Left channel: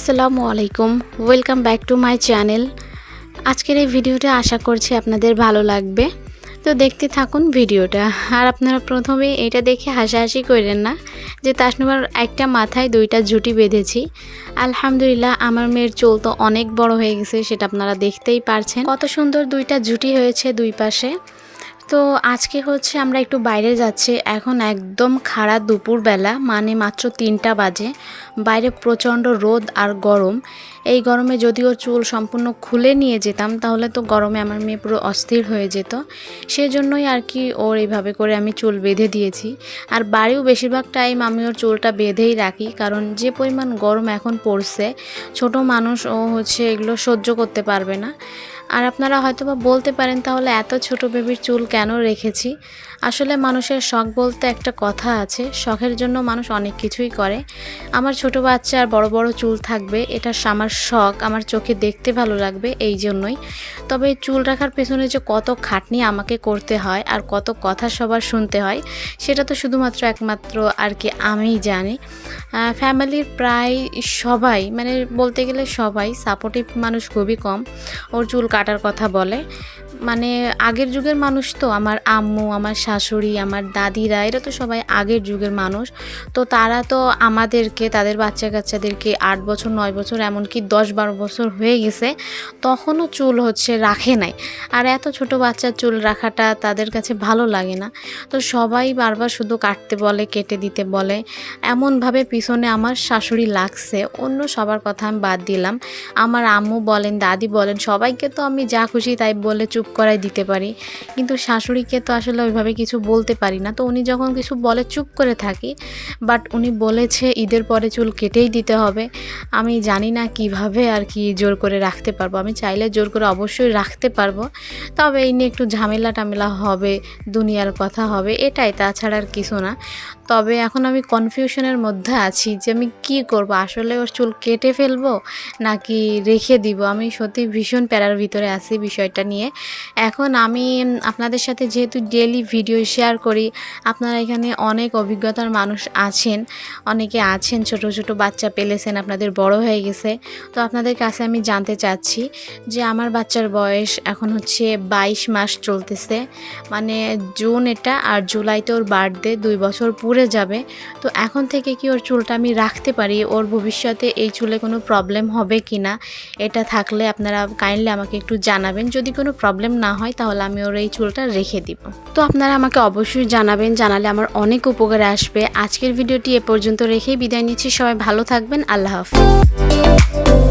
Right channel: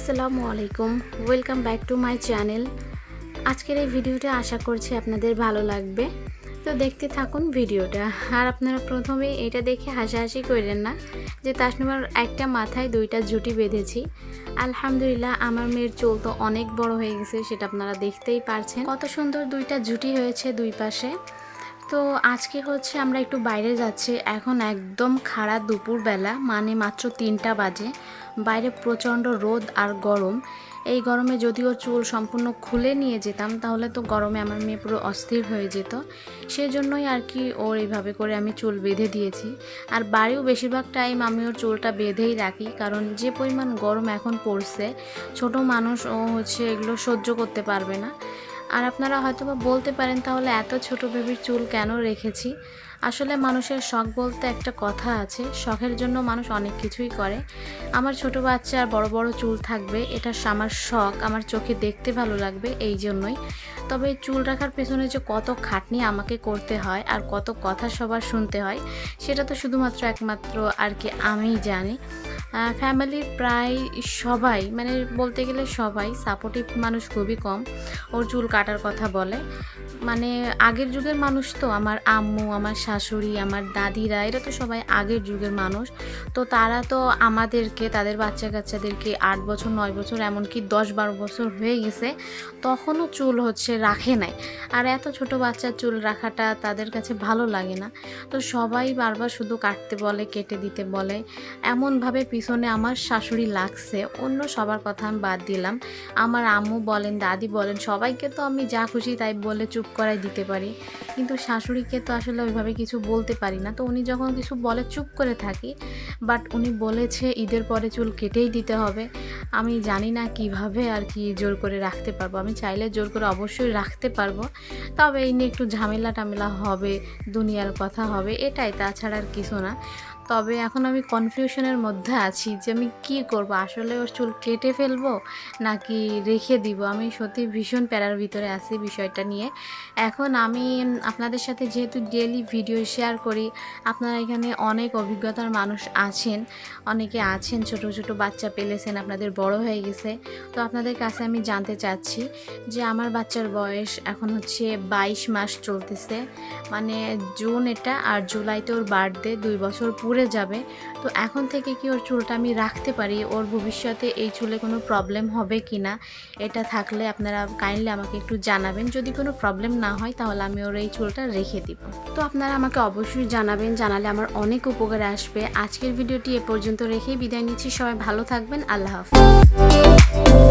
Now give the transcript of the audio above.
আসসালামু আলাইকুম। Welcome back to my channel আজকের এই ভিডিওটা আশা করছি আপনাদের ভালো লাগবে। তো দেখতে থাকুন ভিডিওটা। আর আপনারা প্রথমে এটা দেখে হাসাহাসি করেন না যে তাসনুমার একটা মাথায় দুইটা জুটি বেঁধেছি। আলহামদুলিল্লাহ আমার মেয়ের চুল তো অনেক বড় হয়ে গেছে, সেটা আপনারা দেখতেই পারছেন। কত সুন্দর দুইটা জুটি হয়েছে দুই পাশে। তো আজকে হচ্ছে আমরা একটু বাইরে যাচ্ছি। এখন একদম খাড়া দুপুরবেলা মানে মাত্র তিনটা বাজে। বাইরে প্রচণ্ড রোদ আর গরম। এই গরমে যদি ওর চুল সম্পূর্ণ খুলে নিয়ে যেতাম, তাহলে তো গরমে আমার মেয়ে পুরো অস্থির হয়ে যেত। সেজন্যই আর কি ওর এইভাবে করে আমি চুল বেঁধে দিয়েছি। আর বাড়িও বেশিরভাগ টাইম আমি ওর চুলটা বেঁধেই রাখি, কারণ যে পরিমাণ গরম এখন পড়ছে, ছোট মানুষ ও হচ্ছে এগুলো সহ্য করতে পারবে না। আর আপনারা হয়তো বা বলতে পারেন তাহলে এত ছোট বেবির চুল কেন রেখেছি? আসলে মানুষের শখ বলতে একটা কথা আছে, শখের জন্য মানুষ অনেক কিছুই করে। আমার ছোট বাচ্চা আর বড় বড় চুল থাকবে, এটা আমার শখ, আমার চোখে দেখতে ভালো লাগবে এই জন্যই। তবে চুল রাখার পেছনে যে কত খাটনি আমাকে করতে হয় আর কত কথা সবার শুনতে হয়, সেটা তো শুধুমাত্র একমাত্র আর কি আমিই জানি। ফ্যামিলির প্রায় সবাই মানে বলতে গেলে সবাই সাপোর্টিভ মানুষ খুবই কম। ওর চুল কাটার কথা বলে। মানে আগের যুগের মানুষ তো, আমার আম্মু, আমার শাশুড়ি, আমার দাদিরা, এরা তো সবাই আগের যুগের মানুষ। তো তারা তো আমাদেরকে, তাদের বাচ্চা কাচ্চাদেরকে আট বছর, নয় বছর, এমনকি দশ বারো বছর হয়ে গেছে, তখনও চুল হচ্ছে রাখে নাই। আর এত ছোট বাচ্চার চুল রাখাটা তাদের কাছে ভালো লাগে না। তো সবাই বারবার শুধু কাটতে বলে, কেটে দিতে বলে। এমনভাবে পিছনে আমার শাশুড়ি লাগছে, অন্য সবার কথা আমি বাদ দিলাম। আমার আম্মু বলেন, দাদি বলেন, সবাইকে তো আমি যা খুশি তাই বলে চুপ করাই দিতে পারি। কিন্তু শাশুড়িকে তো আসলে ওইভাবে কিছু বলতে পারি না। তো উনি যখন কিছু বলে চুপ করে থাকি বাট উনি বলেছে ঈদের পরে চুল কেটেই দিতে হবে। আমি জানি না কীভাবে আর কি জোর করে রাখতে পারব। আমি চাইলে জোর করে অবশ্যই রাখতে পারব। তবে এই নিয়ে একটু ঝামেলা টামেলা হবে, দুনিয়ার কথা হবে, এটাই। তাছাড়া আর কিছু না। তবে এখন আমি কনফিউশনের মধ্যে আছি যে আমি কি করব? আসলে ওর চুল কেটে ফেলব নাকি রেখে দিব? আমি সত্যি ভীষণ প্যারার ভিতরে আছি বিষয়টা নিয়ে। এখন আমি আপনাদের সাথে যেহেতু ডেলি ভিডিও শেয়ার করি, আপনারা এখানে অনেক অভিজ্ঞতার মানুষ আছেন, অনেকে আছেন, ছোট ছোট বাচ্চা পেলেছেন, আপনাদের বড় হয়ে গেছে। তো আপনাদের কাছে আমি জানতে চাচ্ছি যে আমার বাচ্চার বয়স এখন হচ্ছে বাইশ মাস চলতেছে। মানে জুন এটা আর জুলাইতে ওর বার্থডে দুই বছর পুরে যাবে। তো এখন থেকে কি ওর চুলটা আমি রাখতে পারি? ওর ভবিষ্যতে এই চুলে কোনো প্রবলেম হবে কি না এটা থাকলে আপনারা কাইন্ডলি আমাকে একটু জানাবেন। যদি কোনো প্রবলেম না হয়, তাহলে আমি ওর এই চুলটা রেখে দিব। তো আপনারা আমাকে অবশ্যই জানাবেন, জানালে আমার অনেক উপকারে আসবে। আজকের ভিডিওটি এ পর্যন্ত রেখেই বিদায় নিচ্ছি। সবাই ভালো থাকবেন। আল্লাহ হাফিজ।